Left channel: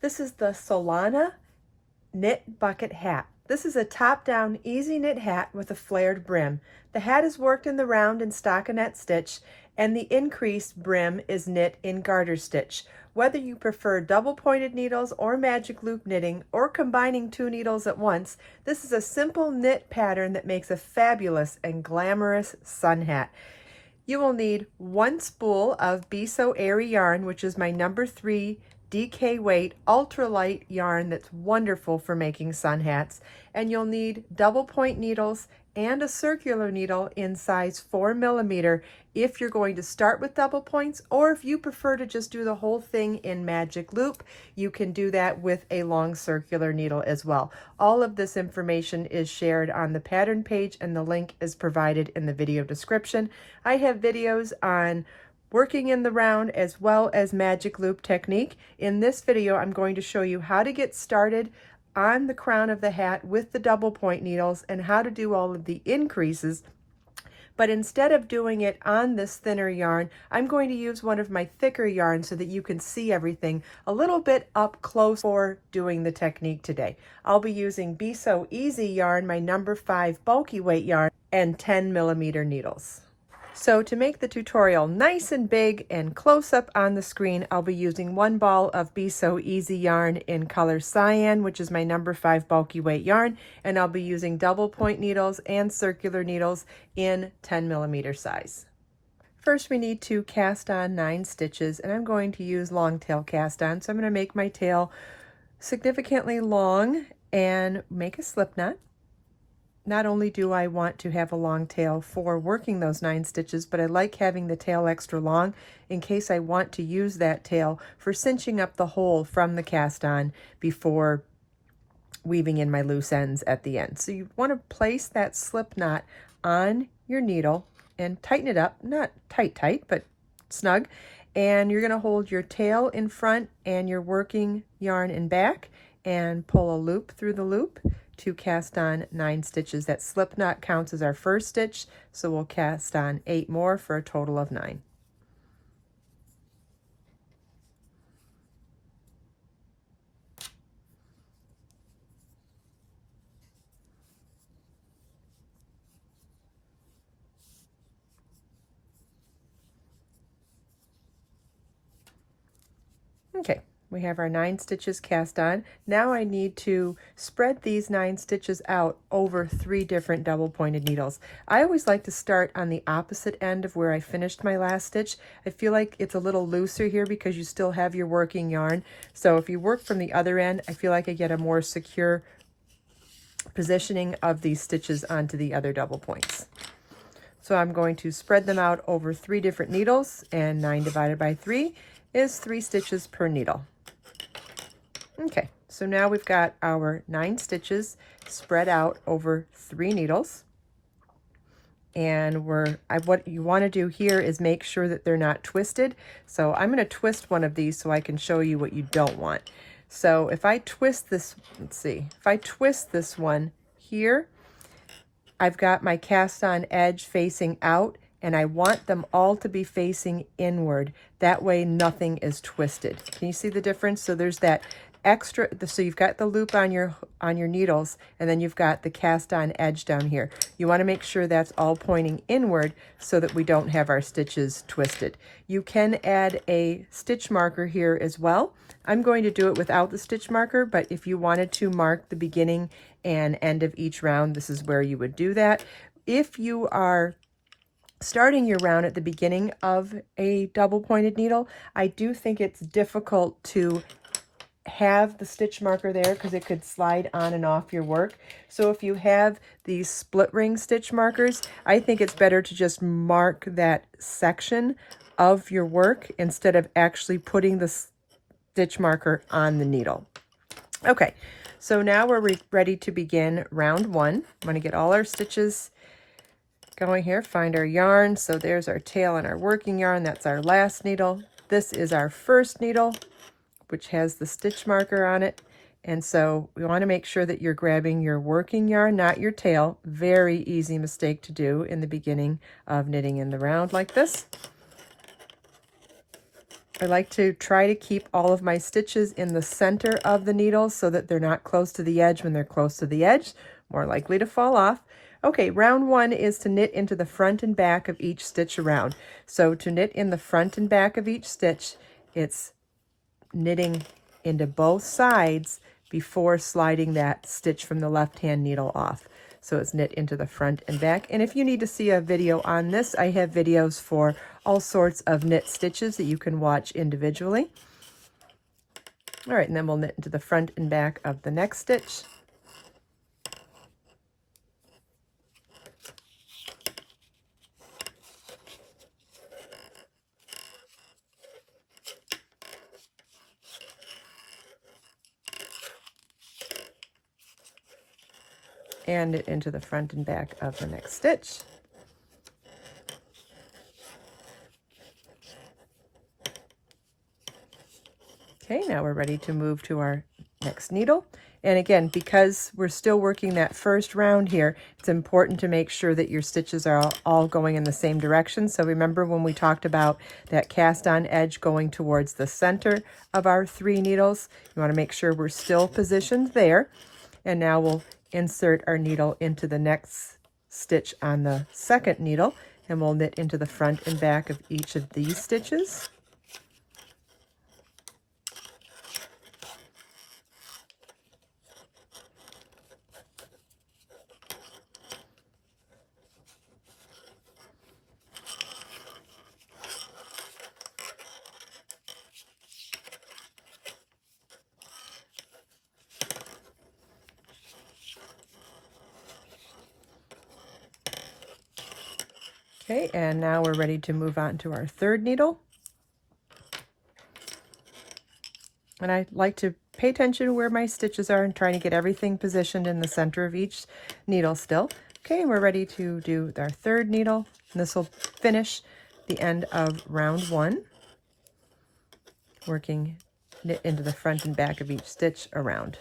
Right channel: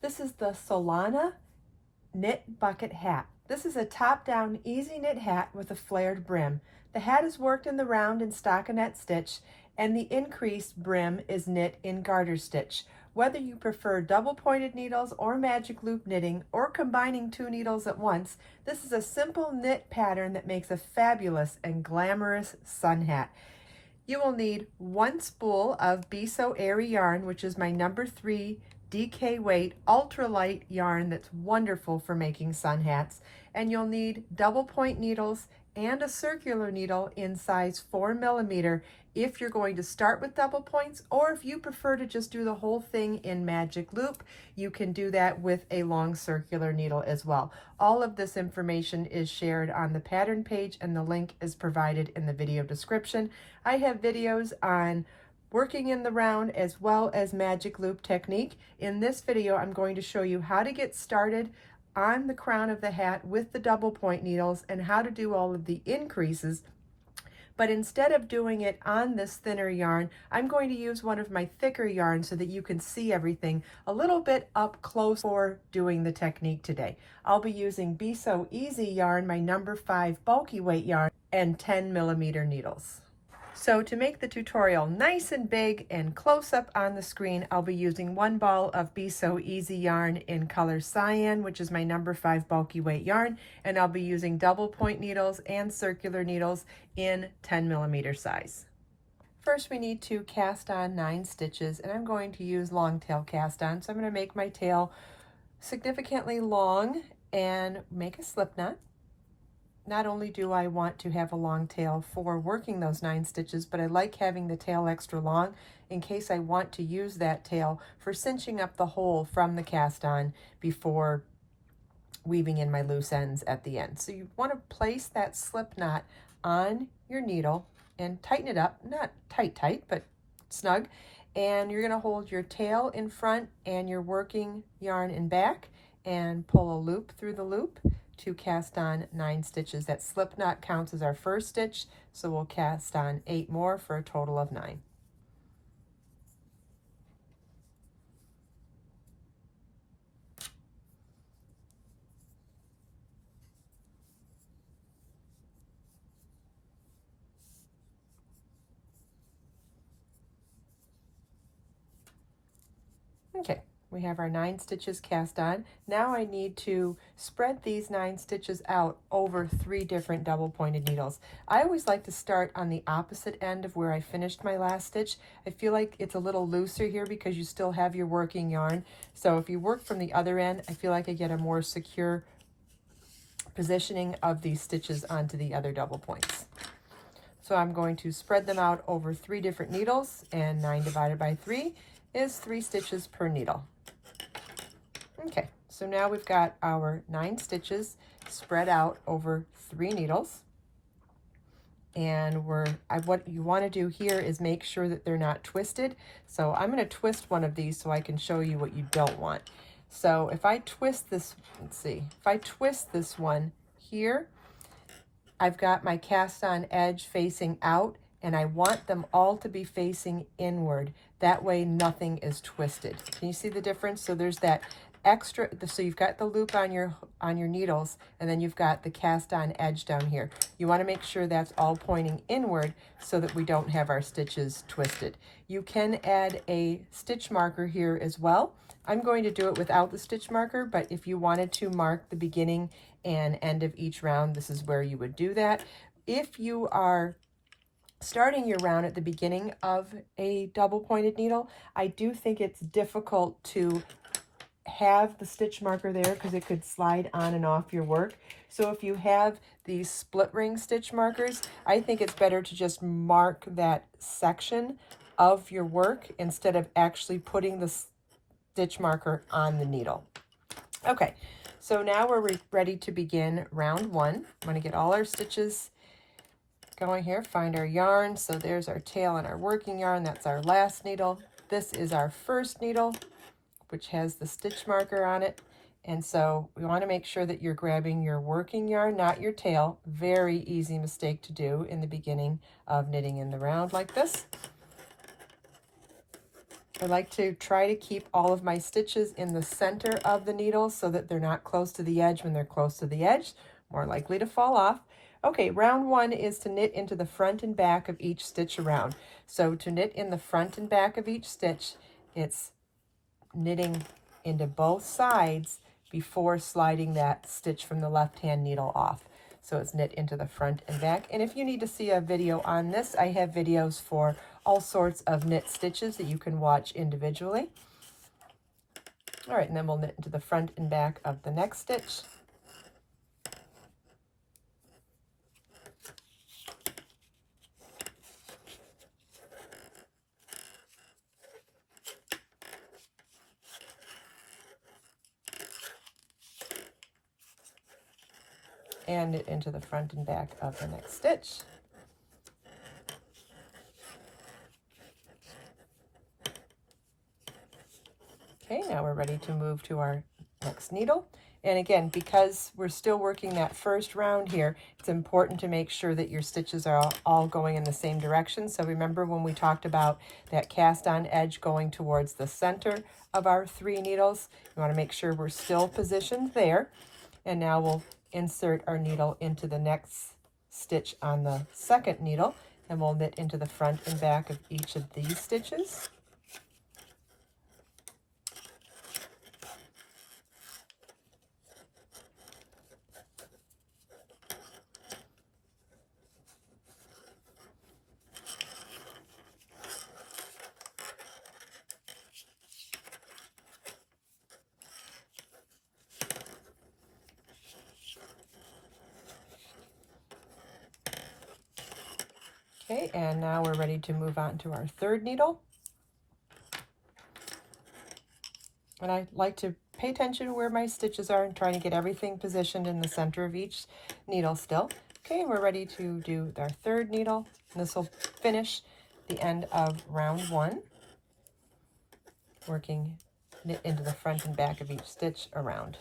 This is the Solana knit bucket hat. This is a top-down easy knit hat with a flared brim. The hat is worked in the round and stockinette stitch, and the increased brim is knit in garter stitch. Whether you prefer double pointed needles or magic loop knitting or combining two needles at once, this is a simple knit pattern that makes a fabulous and glamorous sun hat. You will need one spool of Airy yarn, which is my number 3 DK weight ultralight yarn that's wonderful for making sun hats, and you'll need double point needles and a circular needle in size 4mm if you're going to start with double points, or if you prefer to just do the whole thing in magic loop, you can do that with a long circular needle as well. All of this information is shared on the pattern page, and the link is provided in the video description. I have videos on working in the round as well as magic loop technique. In this video, I'm going to show you how to get started on the crown of the hat with the double point needles and how to do all of the increases. But instead of doing it on this thinner yarn, I'm going to use one of my thicker yarns so that you can see everything a little bit up close for doing the technique today. I'll be using Be So Easy yarn, my number 5 bulky weight yarn, and 10mm needles. So to make the tutorial nice and big and close up on the screen, I'll be using one ball of Be So Easy yarn in color cyan, which is my number 5 bulky weight yarn, and I'll be using double point needles and circular needles in 10mm size. First, we need to cast on 9 stitches, and I'm going to use long tail cast on. So I'm going to make my tail significantly long and make a slip knot. Not only do I want to have a long tail for working those 9 stitches, but I like having the tail extra long in case I want to use that tail for cinching up the hole from the cast on before weaving in my loose ends at the end. So you want to place that slip knot on your needle and tighten it up, not tight, but snug. And you're going to hold your tail in front and your working yarn in back and pull a loop through the loop to cast on 9 stitches. That slip knot counts as our first stitch, so we'll cast on 8 more for a total of 9. Okay. We have our 9 stitches cast on. Now I need to spread these 9 stitches out over 3 different double pointed needles. I always like to start on the opposite end of where I finished my last stitch. I feel like it's a little looser here because you still have your working yarn. So if you work from the other end, I feel like I get a more secure positioning of these stitches onto the other double points. So I'm going to spread them out over 3 different needles, and 9 divided by 3 is 3 stitches per needle. Okay, so now we've got our 9 stitches spread out over 3 needles. And what you want to do here is make sure that they're not twisted. So I'm going to twist one of these so I can show you what you don't want. So if I twist this, if I twist this one here, I've got my cast on edge facing out, and I want them all to be facing inward. That way nothing is twisted. Can you see the difference? So there's that extra, so you've got the loop on your needles, and then you've got the cast on edge down here. You want to make sure that's all pointing inward so that we don't have our stitches twisted. You can add a stitch marker here as well. I'm going to do it without the stitch marker, but if you wanted to mark the beginning and end of each round, this is where you would do that. If you are starting your round at the beginning of a double pointed needle, I do think it's difficult to have the stitch marker there because it could slide on and off your work. So if you have these split ring stitch markers, I think it's better to just mark that section of your work instead of actually putting the stitch marker on the needle. Okay, so now we're ready to begin round 1. I'm going to get all our stitches going here, find our yarn. So there's our tail and our working yarn. That's our last needle. This is our first needle, which has the stitch marker on it. And so we want to make sure that you're grabbing your working yarn, not your tail. Very easy mistake to do in the beginning of knitting in the round like this. I like to try to keep all of my stitches in the center of the needle so that they're not close to the edge. When they're close to the edge, more likely to fall off. Okay, round one is to knit into the front and back of each stitch around. So to knit in the front and back of each stitch, it's knitting into both sides before sliding that stitch from the left-hand needle off. So it's knit into the front and back. And if you need to see a video on this, I have videos for all sorts of knit stitches that you can watch individually. All right, and then we'll knit into the front and back of the next stitch. And knit into the front and back of the next stitch. Okay, now we're ready to move to our next needle. And again, because we're still working that first round here, it's important to make sure that your stitches are all going in the same direction. So remember when we talked about that cast on edge going towards the center of our 3 needles, you want to make sure we're still positioned there. And now we'll insert our needle into the next stitch on the second needle, and we'll knit into the front and back of each of these stitches. Okay, and now we're ready to move on to our third needle. And I like to pay attention to where my stitches are and try to get everything positioned in the center of each needle still. Okay, and we're ready to do our third needle. And this will finish the end of round 1, working knit into the front and back of each stitch around.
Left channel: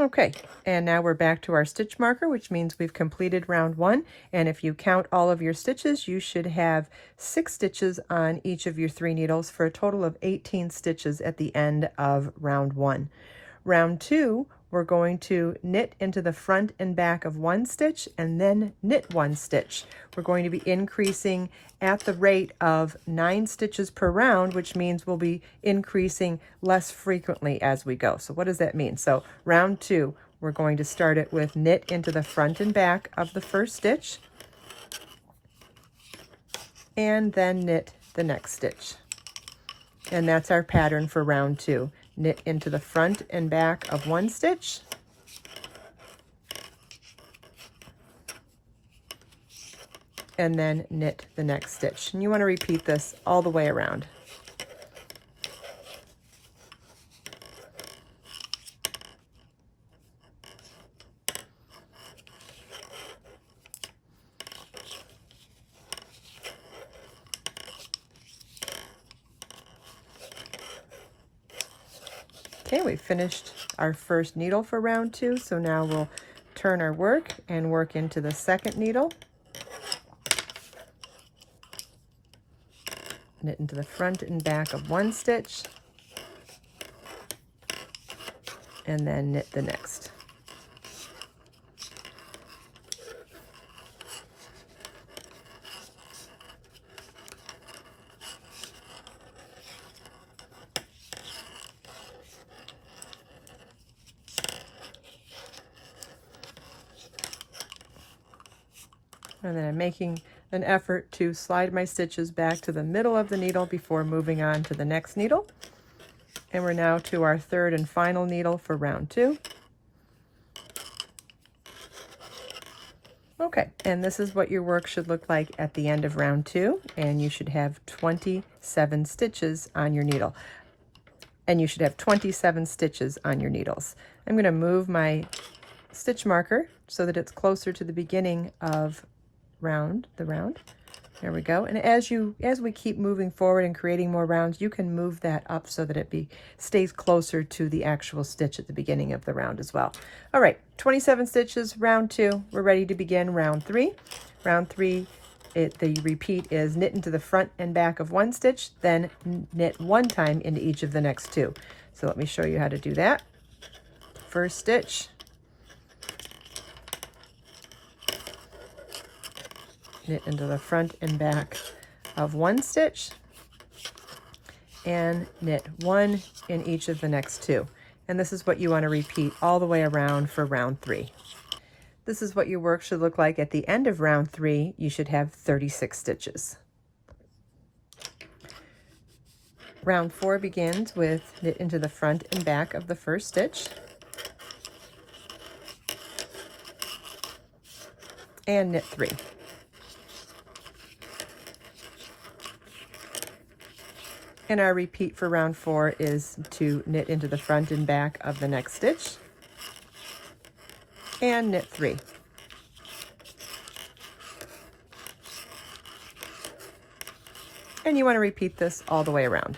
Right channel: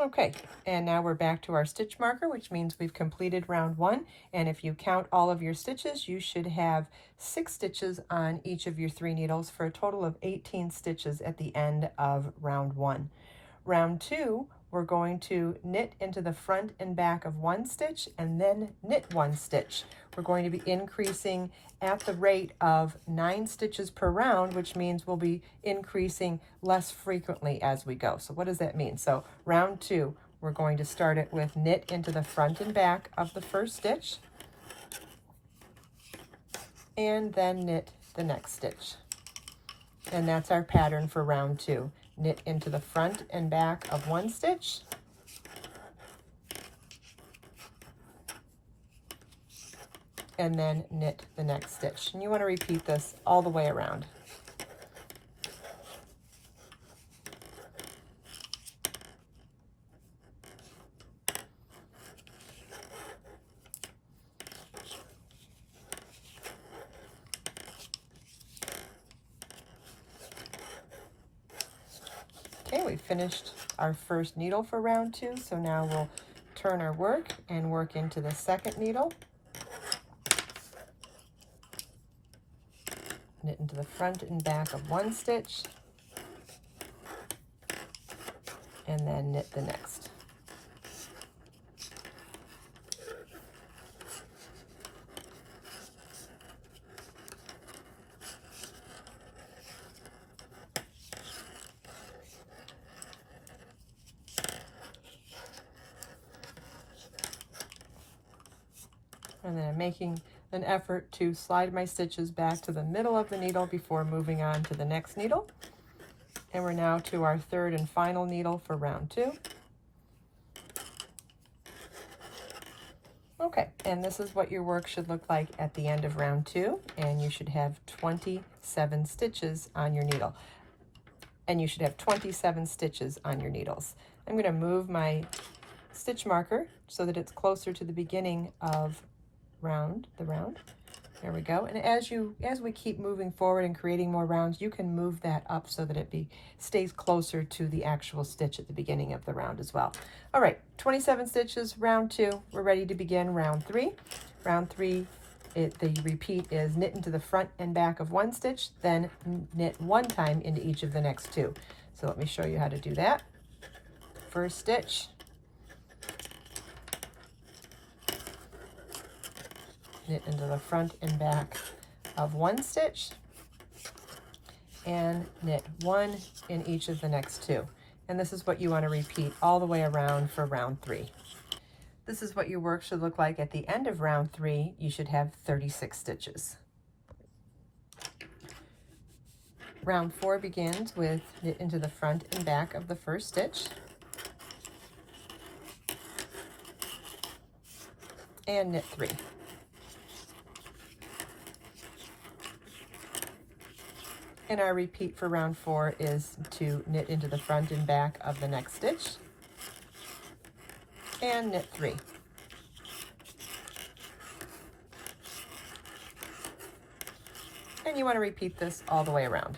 Okay, and now we're back to our stitch marker, which means we've completed round 1. And if you count all of your stitches, you should have 6 stitches on each of your 3 needles for a total of 18 stitches at the end of round 1. Round 2, we're going to knit into the front and back of 1 stitch and then knit 1 stitch. We're going to be increasing at the rate of 9 stitches per round, which means we'll be increasing less frequently as we go. So what does that mean? So round 2, we're going to start it with knit into the front and back of the first stitch and then knit the next stitch. And that's our pattern for round 2. Knit into the front and back of 1 stitch, and then knit the next stitch. And you want to repeat this all the way around. Okay, we finished our first needle for round 2, so now we'll turn our work and work into the second needle. Knit into the front and back of 1 stitch, and then knit the next. And then I'm making an effort to slide my stitches back to the middle of the needle before moving on to the next needle. And we're now to our third and final needle for round 2. Okay, and this is what your work should look like at the end of round 2, and you should have 27 stitches on your needle. And you should have 27 stitches on your needles. I'm going to move my stitch marker so that it's closer to the beginning of round. There we go. And as we keep moving forward and creating more rounds, you can move that up so that it stays closer to the actual stitch at the beginning of the round as well. All right, 27 stitches, round 2. We're ready to begin round 3. Round 3, the repeat is knit into the front and back of 1 stitch, then knit 1 time into each of the next 2. So let me show you how to do that. First stitch, knit into the front and back of 1 stitch, and knit 1 in each of the next 2. And this is what you want to repeat all the way around for round 3. This is what your work should look like at the end of round 3. You should have 36 stitches. Round 4 begins with knit into the front and back of the first stitch, and knit 3. And our repeat for round 4 is to knit into the front and back of the next stitch, and knit 3. And you want to repeat this all the way around.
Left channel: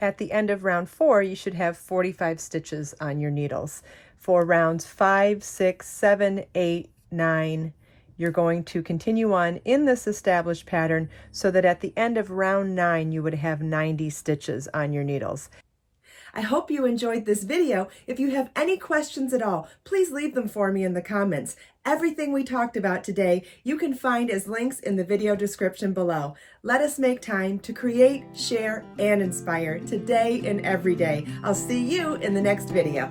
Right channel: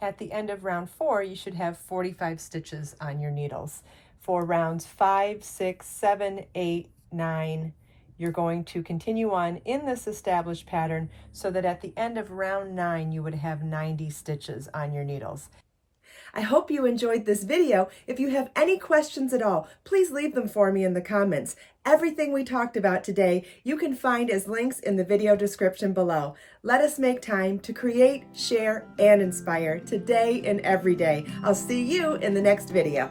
At the end of round 4, you should have 45 stitches on your needles. For rounds 5, 6, 7, 8, 9, you're going to continue on in this established pattern so that at the end of round 9, you would have 90 stitches on your needles. I hope you enjoyed this video. If you have any questions at all, please leave them for me in the comments. Everything we talked about today, you can find as links in the video description below. Let us make time to create, share, and inspire today and every day. I'll see you in the next video.